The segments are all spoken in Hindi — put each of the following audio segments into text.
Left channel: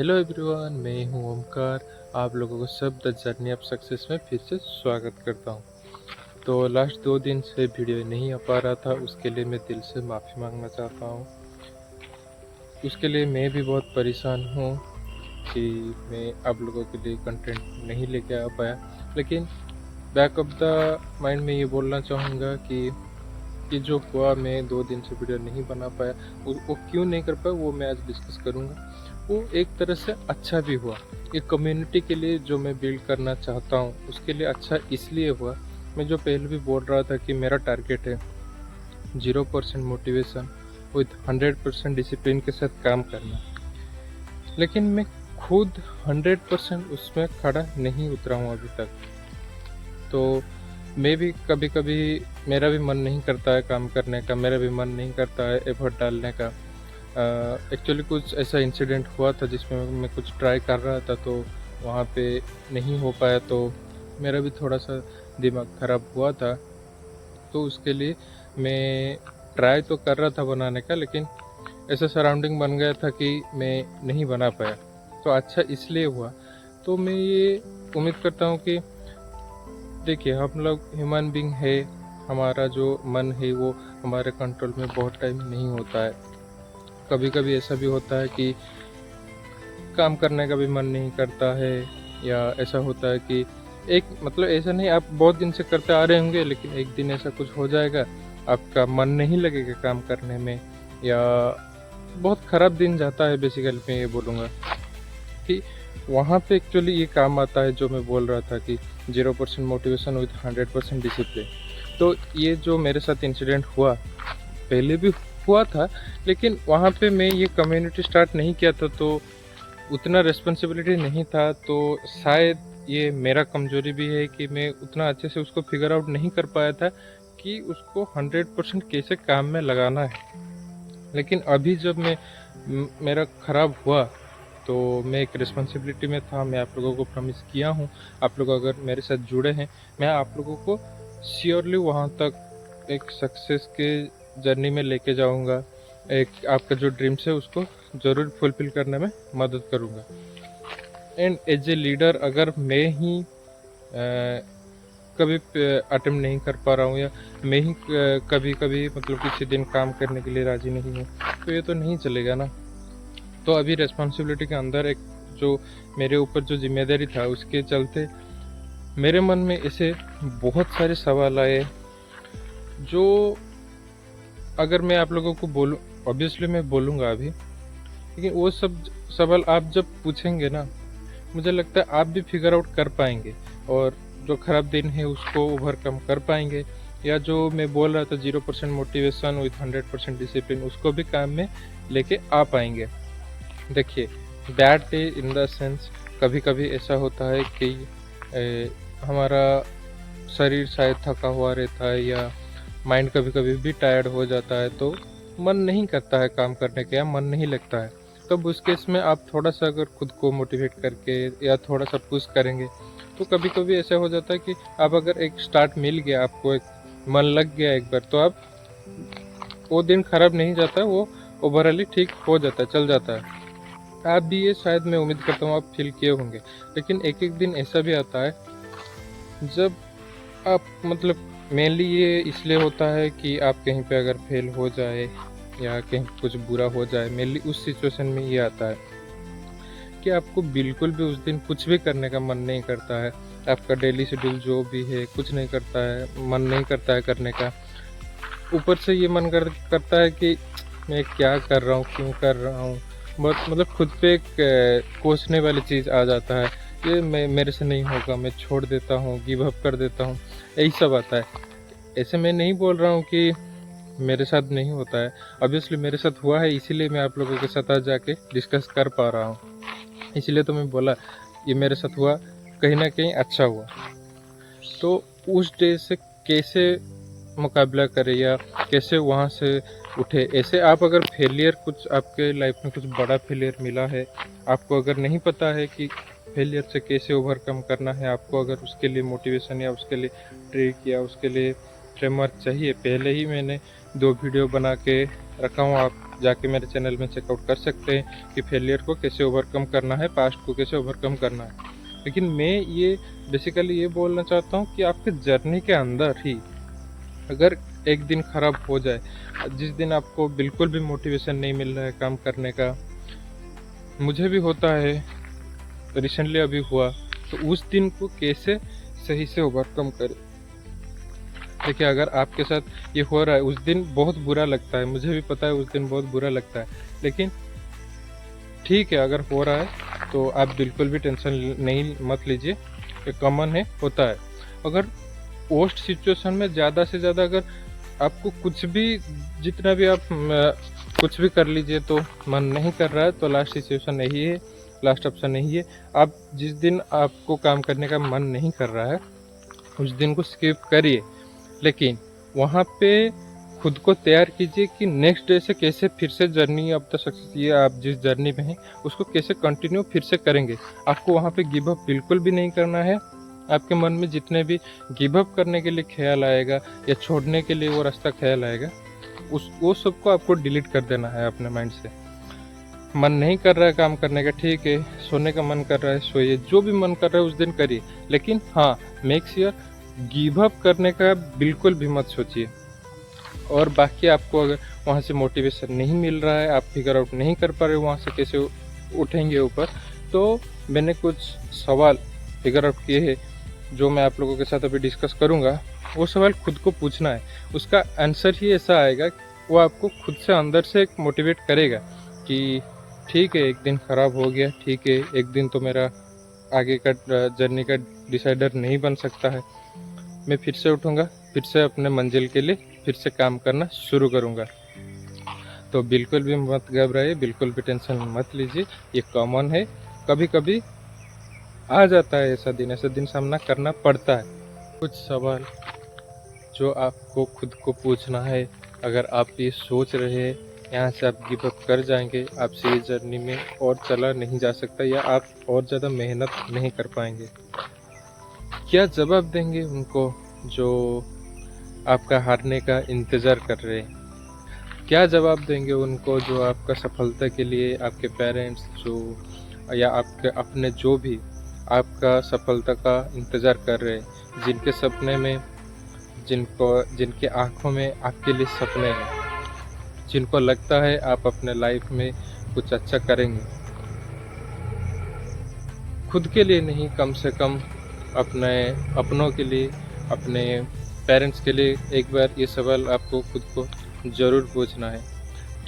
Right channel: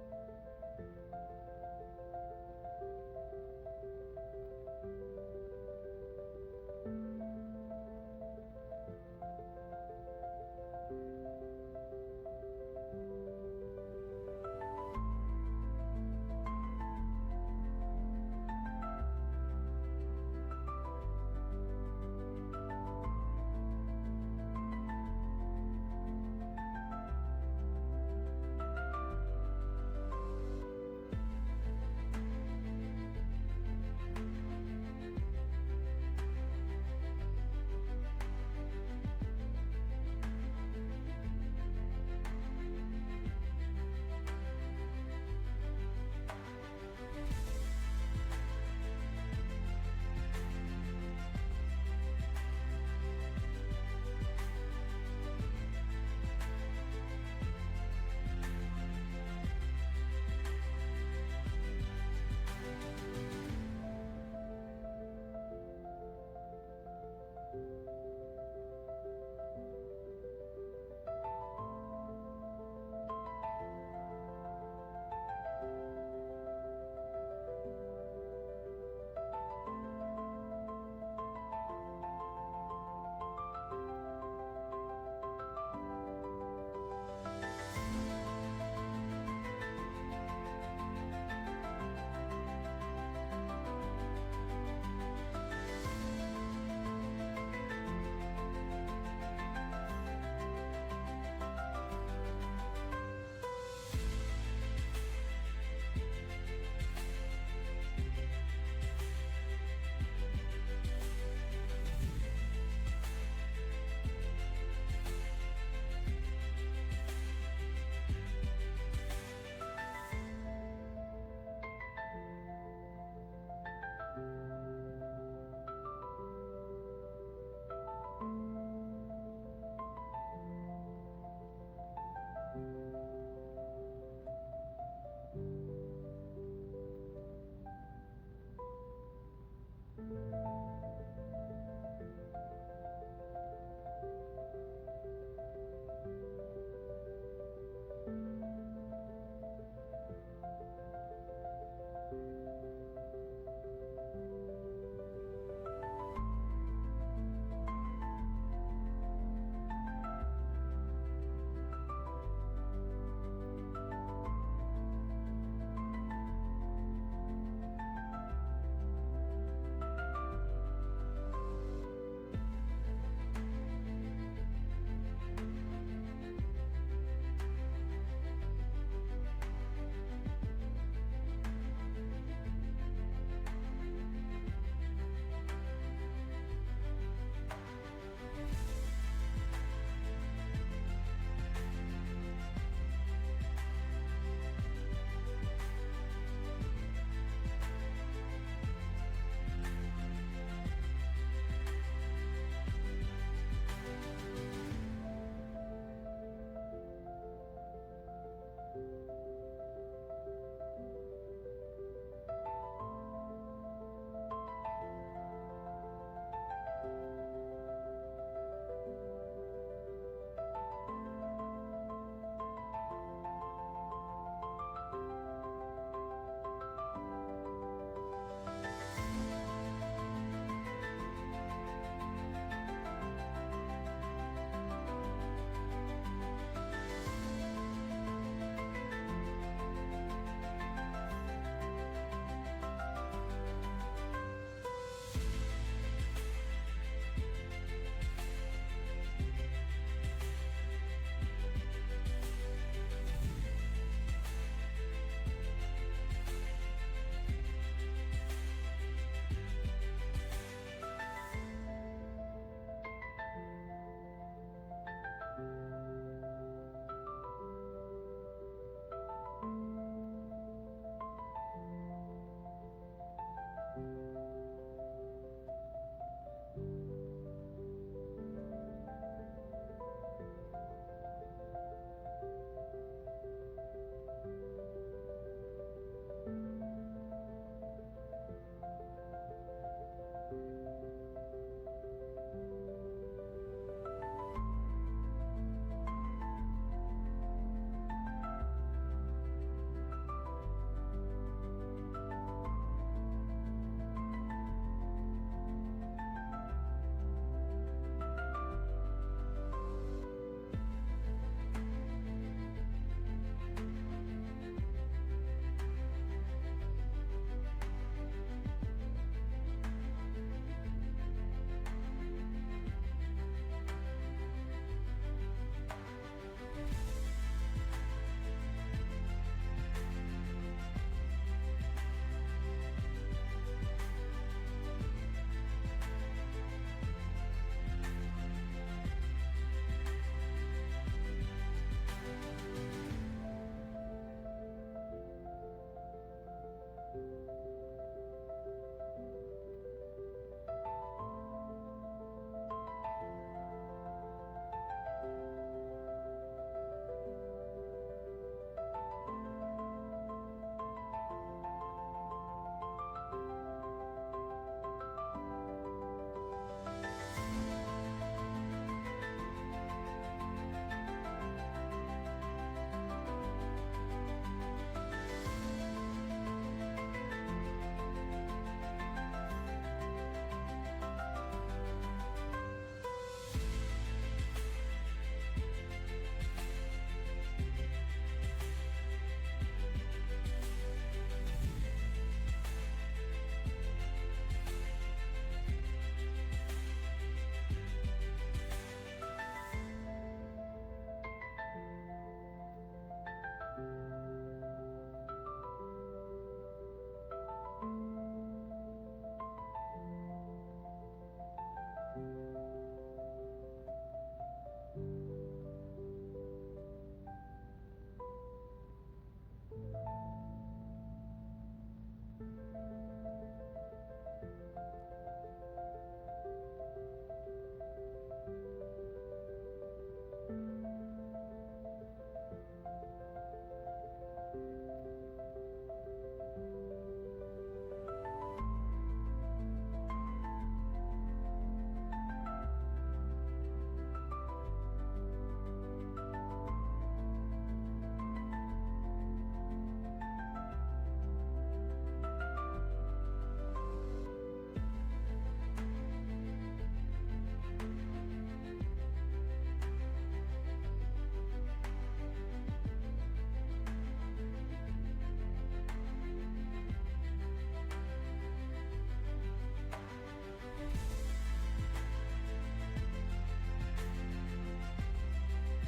हेलो एवरीवन, मैं हूं ओमकार। आप लोगों को सब द जर्नी ऑफ सक्सेस में फिर से स्वागत करता हूं। तो लास्ट 2 दिन से वीडियो नहीं आ पा रहा था, उसके लिए मैं दिल से माफ़ी मांगना चाहता हूं। उसके लिए मैं भी बहुत परेशान हूं कि मैं आप लोगों के लिए कंटेंट नहीं लेके आ पाया। लेकिन बैक ऑफ द माइंड में ये बोलना चाहूँगा कि जो हुआ, मैं 2 दिन से वीडियो नहीं बना पाया। वो क्यों नहीं कर पाया वो मैं आज डिस्कस करूँगा। वो एक तरह से अच्छा भी हुआ। ये कम्युनिटी के लिए जो मैं बिल्ड करना चाहता हूँ उसके लिए अच्छा इसलिए हुआ। मैं जो पहले भी बोल रहा था कि मेरा टारगेट है 0% मोटिवेशन विथ 100% डिसिप्लिन के साथ काम करना। लेकिन मैं खुद 100% उसमें खड़ा नहीं उतरा हूँ अभी तक। तो मैं भी कभी कभी मेरा भी मन नहीं करता है काम करने का, मेरा भी मन नहीं करता है एफर्ट डालने का। एक्चुअली कुछ ऐसा इंसिडेंट हुआ था जिसमें मैं कुछ ट्राई कर रहा था, तो वहाँ पे नहीं हो पाया, तो मेरा भी थोड़ा सा दिमाग ख़राब हुआ था। तो उसके लिए मैं ट्राई तो कर रहा था बनाने का, लेकिन ऐसा सराउंडिंग बन गया था कि मैं नहीं बना पाया। तो अच्छा इसलिए हुआ। तो मैं ये उम्मीद करता हूँ कि देखिए, हम लोग ह्यूमन बीइंग है, हमारा जो मन है वो हमारे कंट्रोल में बहुत टाइम नहीं होता है। कभी कभी ऐसा भी होता है कि काम करने का भी मन नहीं करता है, या ऐसा होता है कि एक मतलब ऐसा नहीं, आप बहुत दिन से करते आ रहे होंगे लेकिन एक दिन ऐसा कुछ हो जाएगा, आपका मन नहीं लगेगा काम करने में, या बहुत ख़राब दिन जाता है। बेसिकली मैं ये बोलूँगा कि वहाँ पे एक्चुअली ये काम आता है जो मैं बोल रहा था कि 0% मोटिवेशन विथ 100% डिसिप्लिन। तो ये जो मेरे साथ इंसिडेंट हुआ, पहले भी हुआ था, लेकिन वहाँ पे मैं ये कम्युनिटी स्टार्ट नहीं किया था, तो उतना रिस्पॉन्सिबिलिटी नहीं था। तो शायद ये मेरा कमजोरी भी है कि मैं उतना अच्छे से उसको फिगर आउट नहीं कर पाया था कि उसको 100% कैसे काम में लगाना है। लेकिन अभी जब मेरा ख़राब हुआ, तो मैं एक रिस्पॉन्सिबिलिटी में था। मैं आप लोगों को प्रॉमिस किया हूँ, आप लोग अगर मेरे साथ जुड़े हैं, मैं आप लोगों को श्योरली वहाँ तक एक सक्सेस के जर्नी में लेके जाऊँगा। एक आपका जो ड्रीम्स है उसको ज़रूर फुलफिल करने में मदद करूँगा। एंड एज ए लीडर, अगर मैं ही कभी अटेम्प्ट नहीं कर पा रहा हूँ, या मैं ही कभी कभी मतलब किसी दिन काम करने के लिए राज़ी नहीं हूँ, तो ये तो नहीं चलेगा ना। तो अभी रिस्पॉन्सिबिलिटी के अंदर एक जो मेरे ऊपर जो जिम्मेदारी था, उसके चलते मेरे मन में ऐसे बहुत सारे सवाल आए, जो अगर मैं आप लोगों को बोलूँ, ऑब्वियसली मैं बोलूँगा अभी, लेकिन वो सब सवाल आप जब पूछेंगे ना, मुझे लगता है आप भी फिगर आउट कर पाएंगे, और जो ख़राब दिन है उसको ओवरकम कर पाएंगे, या जो मैं बोल रहा था 0% मोटिवेशन विथ 100% डिसिप्लिन, उसको भी काम में लेके आ पाएंगे। देखिए, bad day in the sense, कभी कभी ऐसा होता है कि हमारा शरीर शायद थका हुआ रहता है, या माइंड कभी कभी भी टायर्ड हो जाता है, तो मन नहीं करता है काम करने का, या मन नहीं लगता है। तब उस केस में आप थोड़ा सा अगर खुद को मोटिवेट करके या थोड़ा सा पुश करेंगे, तो कभी कभी ऐसा हो जाता है कि आप अगर एक स्टार्ट मिल गया, आपको एक मन लग गया एक बार, तो आप वो दिन खराब नहीं जाता है, वो ओवरऑली ठीक हो जाता है, चल जाता है। आप भी ये शायद मैं उम्मीद करता हूँ आप फील किए होंगे। लेकिन एक एक दिन ऐसा भी आता है जब आप मतलब मेनली ये इसलिए होता है कि आप कहीं पे अगर फेल हो जाए, या कहीं कुछ बुरा हो जाए, मेनली उस सिचुएशन में ये आता है कि आपको बिल्कुल भी उस दिन कुछ भी करने का मन नहीं करता है। आपका डेली शेड्यूल जो भी है कुछ नहीं करता है, मन नहीं करता है करने का। ऊपर से ये करता है कि मैं क्या कर रहा हूँ, क्यों कर रहा हूँ। बहुत मतलब खुद पे एक कोसने वाली चीज़ आ जाता है, ये मेरे से नहीं होगा, मैं छोड़ देता हूँ, गिव अप कर देता हूँ, यही सब आता है। ऐसे मैं नहीं बोल रहा हूँ कि मेरे साथ नहीं होता है, ऑब्वियसली मेरे साथ हुआ है, इसीलिए मैं आप लोगों के साथ आज जाके डिस्कस कर पा रहा हूँ। इसलिए तो मैं बोला ये मेरे साथ हुआ, कहीं ना कहीं अच्छा हुआ। तो उस डे से कैसे मुकाबला करें, या कैसे वहाँ से उठे। ऐसे आप अगर फेलियर, कुछ आपके लाइफ में कुछ बड़ा फेलियर मिला है, आपको अगर नहीं पता है कि फेलियर से कैसे ओवरकम करना है, आपको अगर उसके लिए मोटिवेशन या उसके लिए ट्रिक या उसके लिए फ्रेमवर्क चाहिए, पहले ही मैंने 2 वीडियो बना के रखा हूँ, आप जाके मेरे चैनल में चेकआउट कर सकते हैं कि फेलियर को कैसे ओवरकम करना है, पास्ट को कैसे ओवरकम करना है। लेकिन मैं ये बेसिकली ये बोलना चाहता हूँ कि आपके जर्नी के अंदर ही अगर एक दिन ख़राब हो जाए, जिस दिन आपको बिल्कुल भी मोटिवेशन नहीं मिल रहा है काम करने का, मुझे भी होता है, रिसेंटली अभी हुआ, तो उस दिन को कैसे सही से ओवरकम करें। देखिए, अगर आपके साथ ये हो रहा है, उस दिन बहुत बुरा लगता है, मुझे भी पता है उस दिन बहुत बुरा लगता है, लेकिन ठीक है, अगर हो रहा है तो आप बिल्कुल भी टेंशन नहीं मत लीजिए, ये कॉमन है, होता है। अगर वर्स्ट सिचुएशन में ज़्यादा से ज़्यादा अगर आपको कुछ भी, जितना भी आप कुछ भी कर लीजिए तो मन नहीं कर रहा है, तो लास्ट सिचुएशन यही है, लास्ट ऑप्शन यही है। आप जिस दिन आपको काम करने का मन नहीं कर रहा है, उस दिन को स्किप करिए, लेकिन वहाँ पे खुद को तैयार कीजिए कि नेक्स्ट डे से कैसे फिर से जर्नी ऑफ द सक्सेस, ये आप जिस जर्नी में हैं उसको कैसे कंटिन्यू फिर से करेंगे। आपको वहाँ पे गिव अप बिल्कुल भी नहीं करना है। आपके मन में जितने भी गिव अप करने के लिए ख्याल आएगा या छोड़ने के लिए वो रास्ता ख्याल आएगा, वो सबको आपको डिलीट कर देना है अपने माइंड से। मन नहीं कर रहा है काम करने का, ठीक है, सोने का मन कर रहा है सोइए, जो भी मन कर रहा है उस दिन करिए, लेकिन हाँ, मेक श्योर गिव अप करने का बिल्कुल भी मत सोचिए। और बाकी आपको अगर वहाँ से मोटिवेशन नहीं मिल रहा है, आप फिगर आउट नहीं कर पा रहे हो वहाँ से कैसे उठेंगे ऊपर, तो मैंने कुछ सवाल फिगर आउट किए हैं जो मैं आप लोगों के साथ अभी डिस्कस करूँगा। वो सवाल खुद को पूछना है, उसका आंसर ही ऐसा आएगा, वो आपको खुद से अंदर से मोटिवेट करेगा कि ठीक है, एक दिन ख़राब हो गया, ठीक है, एक दिन तो मेरा आगे का जर्नी का डिसाइडर नहीं बन सकता है, मैं फिर से उठूँगा, फिर से अपने मंजिल के लिए फिर से काम करना शुरू करूँगा। तो बिल्कुल भी मत घबराइए, बिल्कुल भी टेंशन मत लीजिए, ये कॉमन है, कभी कभी आ जाता है ऐसा दिन सामना करना पड़ता है। कुछ सवाल जो आपको खुद को पूछना है, अगर आप ये सोच रहे हैं यहाँ से आप गिव अप कर जाएंगे, आपसे ये जर्नी में और चला नहीं जा सकता या आप और ज़्यादा मेहनत नहीं कर पाएंगे, क्या जवाब देंगे उनको जो आपका हारने का इंतज़ार कर रहे हैं? क्या जवाब देंगे उनको जो आपका सफलता के लिए, आपके पेरेंट्स जो या आपके अपने जो भी आपका सफलता का इंतज़ार कर रहे हैं, जिनके सपने में, जिनके आँखों में आपके लिए सपने हैं, जिनको लगता है आप अपने लाइफ में कुछ अच्छा करेंगे, खुद के लिए नहीं, कम से कम अपने अपनों के लिए, अपने पेरेंट्स के लिए एक बार ये सवाल आपको खुद को ज़रूर पूछना है।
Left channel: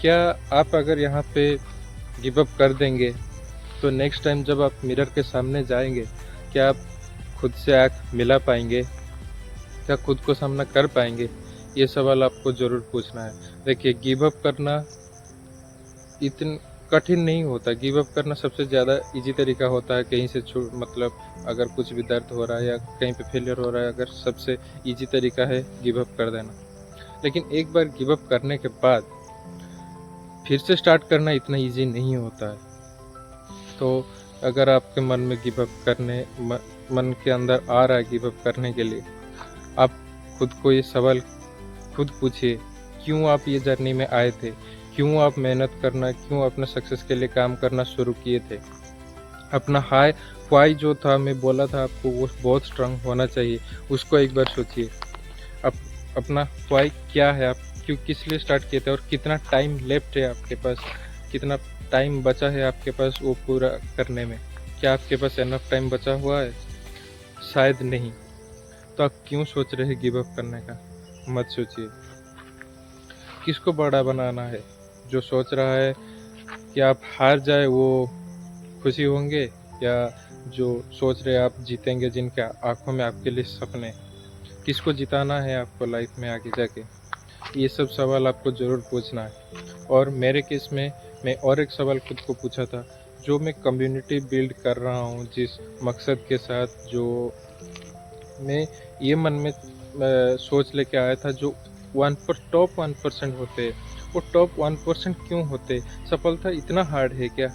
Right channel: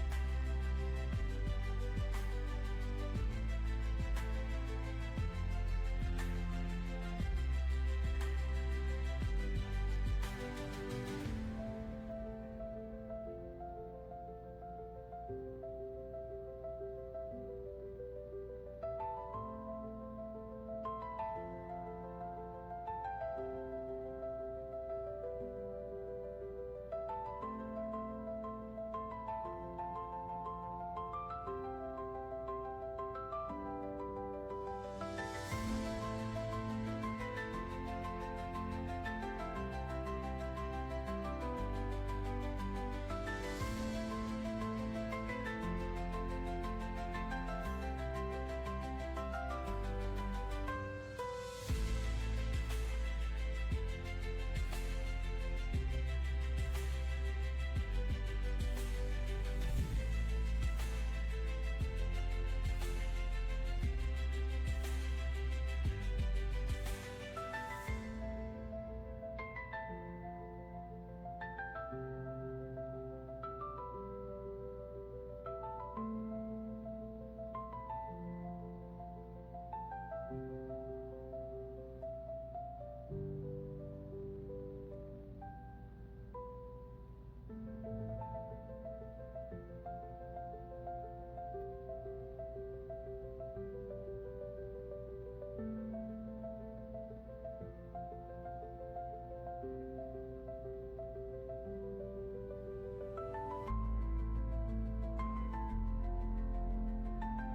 क्या आप अगर यहाँ पे गिव अप कर देंगे तो नेक्स्ट टाइम जब आप मिरर के सामने जाएंगे, क्या आप खुद से आँख मिला पाएंगे? क्या खुद को सामना कर पाएंगे? ये सवाल आपको ज़रूर पूछना है। देखिए, गिव अप करना इतना कठिन नहीं होता। गिव अप करना सबसे ज़्यादा इजी तरीका होता है, कहीं से मतलब अगर कुछ भी दर्द हो रहा है या कहीं पे फेलियर हो रहा है, अगर सबसे इजी तरीका है गिव अप कर देना। लेकिन एक बार गिव अप करने के बाद फिर से स्टार्ट करना इतना इजी नहीं होता है। तो अगर आपके मन में गिव अप करने, मन के अंदर आ रहा है गिव अप करने के लिए, आप खुद को ये सवाल खुद पूछिए, क्यों आप ये जर्नी में आए थे? क्यों आप मेहनत करना, क्यों अपने सक्सेस के लिए काम करना शुरू किए थे? अपना हाई वाई जो था, मैं बोला था आपको, वो बहुत स्ट्रांग होना चाहिए, उसको एक बार सोचिए। अब अपना वाई क्या है, आप क्यों, किस लिए स्टार्ट किए थे और कितना टाइम लेफ्ट है आपके पास, कितना टाइम बचा है आपके पास वो पूरा करने में? क्या आपके पास एनफ टाइम बचा हुआ है? शायद नहीं। तो आप क्यों सोच रहे हैं गिव अप करने का? मत सोचिए। किसको बड़ा बनाना है? जो सोच रहा है कि आप हार जाए वो खुशी होंगे, या जो सोच रहे आप जीतेंगे, जिनके आंखों में आपके लिए सपने? किसको जिताना है आपको लाइफ में आगे जाके? ये सब सवाल आपको ज़रूर पूछना है। और मेरे केस में मैं और एक सवाल खुद को पूछा था, जो मैं कम्युनिटी बिल्ड कर रहा हूँ जिस मकसद के साथ, जो मैं ये मन में सोच लेके आया था, जो टॉप 1% होते हैं, वो टॉप 1% क्यों होते? सफलता इतना हार्ड है क्या?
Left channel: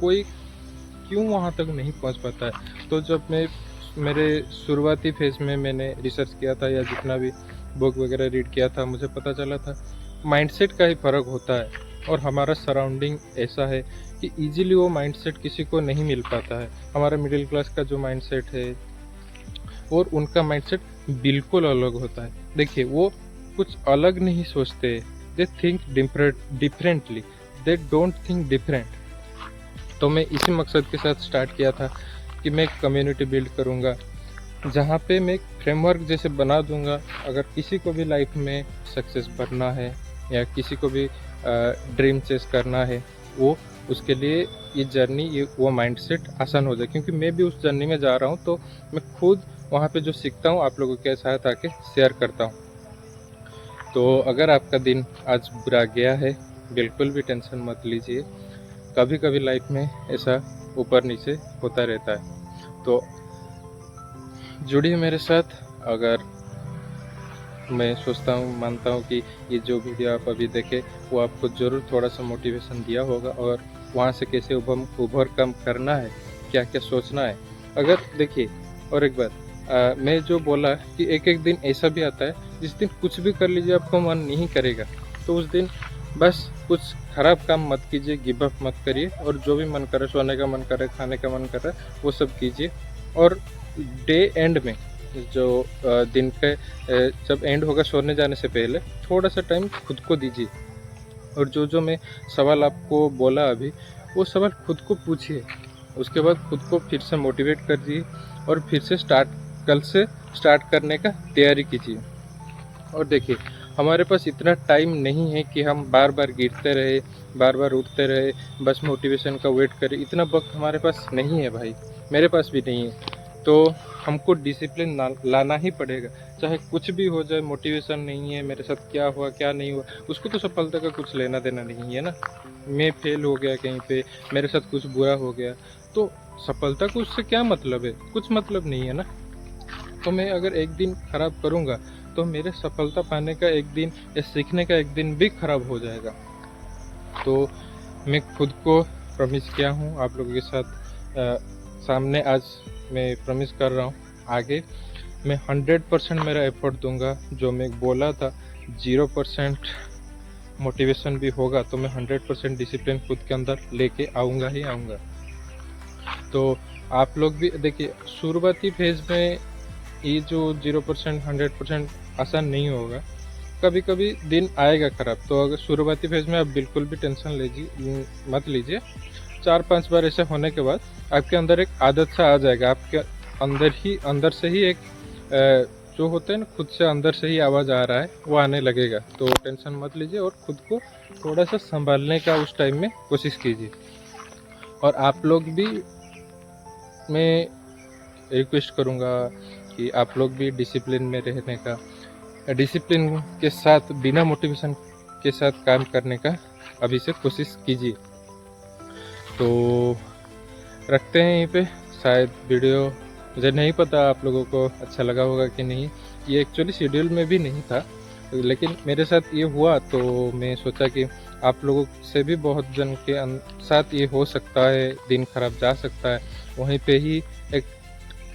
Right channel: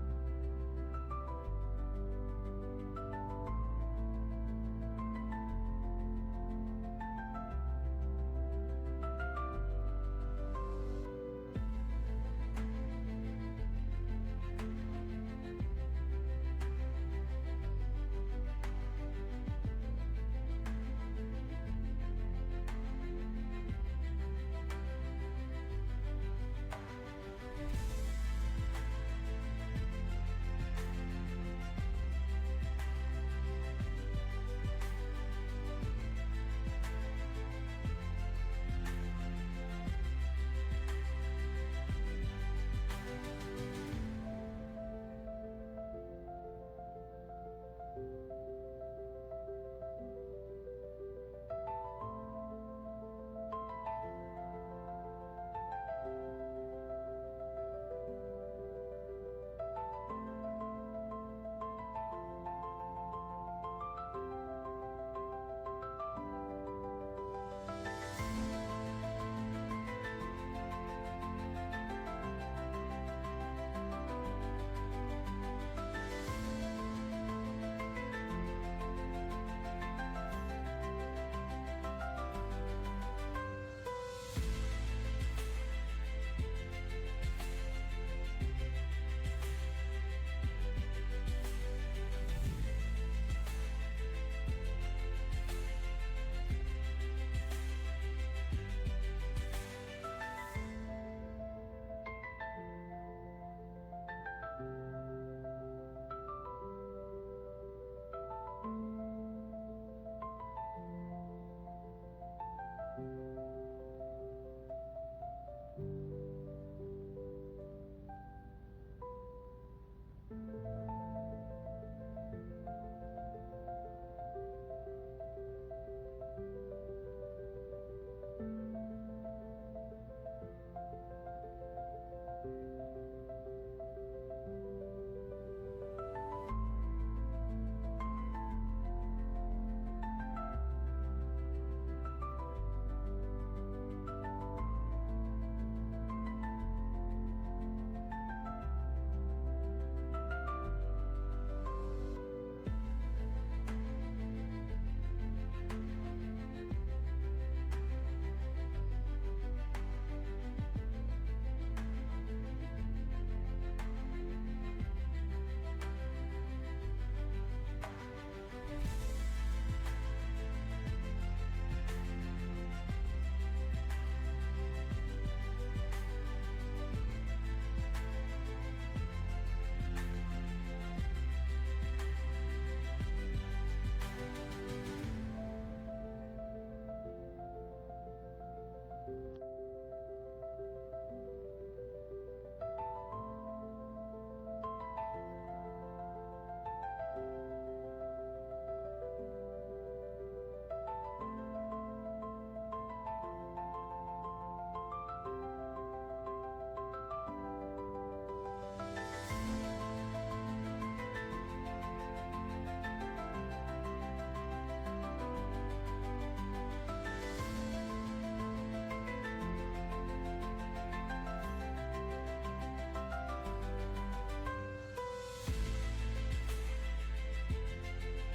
कोई क्यों वहाँ तक नहीं पहुँच पाता है? तो जब मैं मेरे शुरुआती फेज़ में मैंने रिसर्च किया था या जितना भी बुक वगैरह रीड किया था, मुझे पता चला था माइंडसेट का ही फ़र्क होता है, और हमारा सराउंडिंग ऐसा है कि इजीली वो माइंडसेट किसी को नहीं मिल पाता है। हमारा मिडिल क्लास का जो माइंडसेट है और उनका माइंडसेट बिल्कुल अलग होता है। देखिए, वो कुछ अलग नहीं सोचते, they think differently, they don't think different. तो मैं इसी मकसद के साथ स्टार्ट किया था कि मैं एक कम्युनिटी बिल्ड करूँगा, जहाँ पे मैं एक फ्रेमवर्क जैसे बना दूँगा। अगर किसी को भी लाइफ में सक्सेस बनना है या किसी को भी ड्रीम चेस करना है, वो उसके लिए ये जर्नी, ये वो माइंडसेट आसान हो जाए। क्योंकि मैं भी उस जर्नी में जा रहा हूँ, तो मैं खुद वहाँ पे जो सीखता हूँ आप लोगों के साथ आके शेयर करता हूँ। तो अगर आपका दिन आज बुरा गया है, बिल्कुल भी टेंशन मत लीजिए। कभी कभी लाइफ में ऐसा ऊपर नीचे होता रहता है। तो जुड़िए मेरे साथ। अगर मैं सोचता हूँ, मानता हूँ कि ये जो वीडियो आप अभी देखे वो आपको ज़रूर थोड़ा सा मोटिवेशन दिया होगा, और वहाँ से कैसे उभर कम करना है, क्या क्या सोचना है। अगर देखिए, और एक बात, मैं जो बोला कि एक एक दिन ऐसा भी आता है जिस दिन कुछ भी कर लीजिए आपको मन नहीं करेगा, तो उस दिन बस कुछ ख़राब काम मत कीजिए, गिव अप मत करिए, और जो भी मन करे, सोने का मन करे, खाने का मन कर रहा है, वो सब कीजिए। और डे एंड में जो दिन के जब एंड होगा, सोने जाने से पहले थोड़ा सा टाइम खुद को दीजिए। और जो जो मैं सवाल आपको बोला अभी, वो सवाल खुद को पूछिए। उसके बाद खुद को फिर से मोटिवेट कर दीजिए, और फिर से कल से स्टार्ट करने का तैयारी कीजिए। और देखिए, हमारे पास इतना टाइम नहीं है कि हम बार बार गिरते रहे, बार बार उठते रहे, बस मोटिवेशन का वेट करें। इतना वक्त हमारे पास नहीं है भाई, मेरे पास भी नहीं है। तो हमको डिसिप्लिन लाना ही पड़ेगा, चाहे कुछ भी हो जाए। मोटिवेशन नहीं है, मेरे साथ क्या हुआ क्या नहीं हुआ, उसको तो सफलता का कुछ लेना देना नहीं है ना। मैं फेल हो गया कहीं पे, मेरे साथ कुछ बुरा हो गया, तो सफलता को उससे क्या मतलब है? कुछ मतलब नहीं है ना। तो मैं अगर एक दिन खराब करूँगा, तो मेरे सफलता पाने का एक दिन या सीखने का एक दिन भी खराब हो जाएगा। तो मैं खुद को प्रॉमिस किया हूँ आप लोगों के साथ सामने, आज मैं प्रॉमिस कर रहा हूँ, आगे मैं 100% मेरा एफर्ट दूंगा। जो मैं बोला था 0% मोटिवेशन भी होगा, तो मैं 100% डिसिप्लिन खुद के अंदर लेके आऊँगा ही आऊँगा। तो आप लोग भी देखिए, शुरुआती फेज़ में ये जो 0% 100% आसान नहीं होगा, कभी कभी दिन आएगा ख़राब। तो अगर शुरुआती फेज़ में आप बिल्कुल भी टेंशन मत लीजिए। 4-5 बार ऐसे होने के बाद आपके अंदर एक आदत सा आ जाएगा। आपके अंदर से ही एक जो होता है ना, खुद से अंदर से ही आवाज़ आ रहा है, वो आने लगेगा। तो टेंशन मत लीजिए, और खुद को थोड़ा सा संभालने का उस टाइम में कोशिश कीजिए। और आप लोग भी, मैं रिक्वेस्ट करूँगा कि आप लोग भी डिसिप्लिन में रहने का, डिसिप्लिन के साथ बिना मोटिवेशन के साथ काम करने का अभी से कोशिश कीजिए। तो रखते हैं यहीं पे। शायद वीडियो, मुझे नहीं पता आप लोगों को अच्छा लगा होगा कि नहीं। ये एक्चुअली शेड्यूल में भी नहीं था, लेकिन मेरे साथ ये हुआ, तो मैं सोचा कि आप लोगों से भी बहुत जन के साथ ये हो सकता है, दिन खराब जा सकता है। वहीं पे ही एक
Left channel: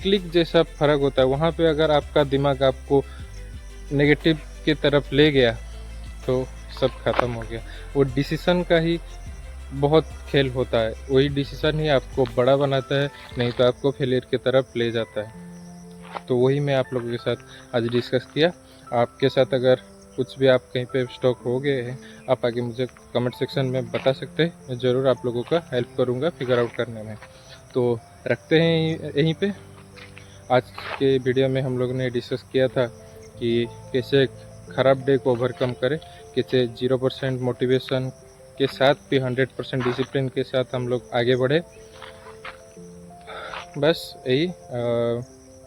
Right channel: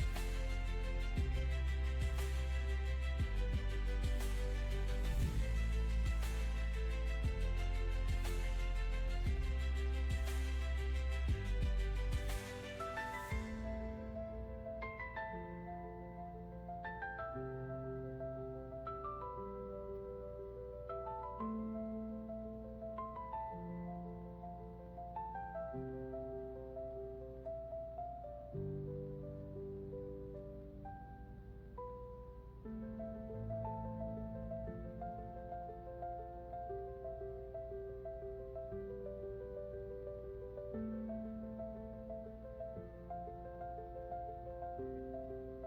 क्लिक जैसा फ़र्क होता है। वहाँ पे अगर आपका दिमाग आपको नेगेटिव की तरफ ले गया, तो सब ख़त्म हो गया। वो डिसीज़न का ही बहुत खेल होता है, वही डिसीज़न ही आपको बड़ा बनाता है, नहीं तो आपको फेलियर की तरफ ले जाता है। तो वही मैं आप लोगों के साथ आज डिस्कस किया। आपके साथ अगर कुछ भी आप कहीं पे स्टॉक हो गए हैं, आप आगे मुझे कमेंट सेक्शन में बता सकते हैं। मैं ज़रूर आप लोगों का हेल्प करूँगा फिगर आउट करने में। तो रखते हैं यहीं पे। आज के वीडियो में हम लोग ने डिस्कस किया था कि कैसे ख़राब डे को ओवरकम करें, कैसे 0% मोटिवेशन के साथ भी 100% डिसिप्लिन के साथ हम लोग आगे बढ़े। बस यही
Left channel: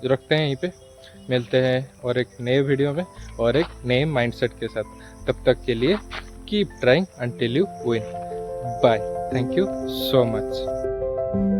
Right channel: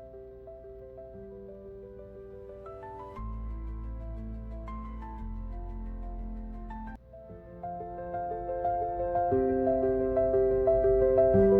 रखते हैं यहीं पे। मिलते हैं और एक नए वीडियो में और एक नए माइंडसेट के साथ। तब तक के लिए keep trying until you win. Bye. Thank you so much.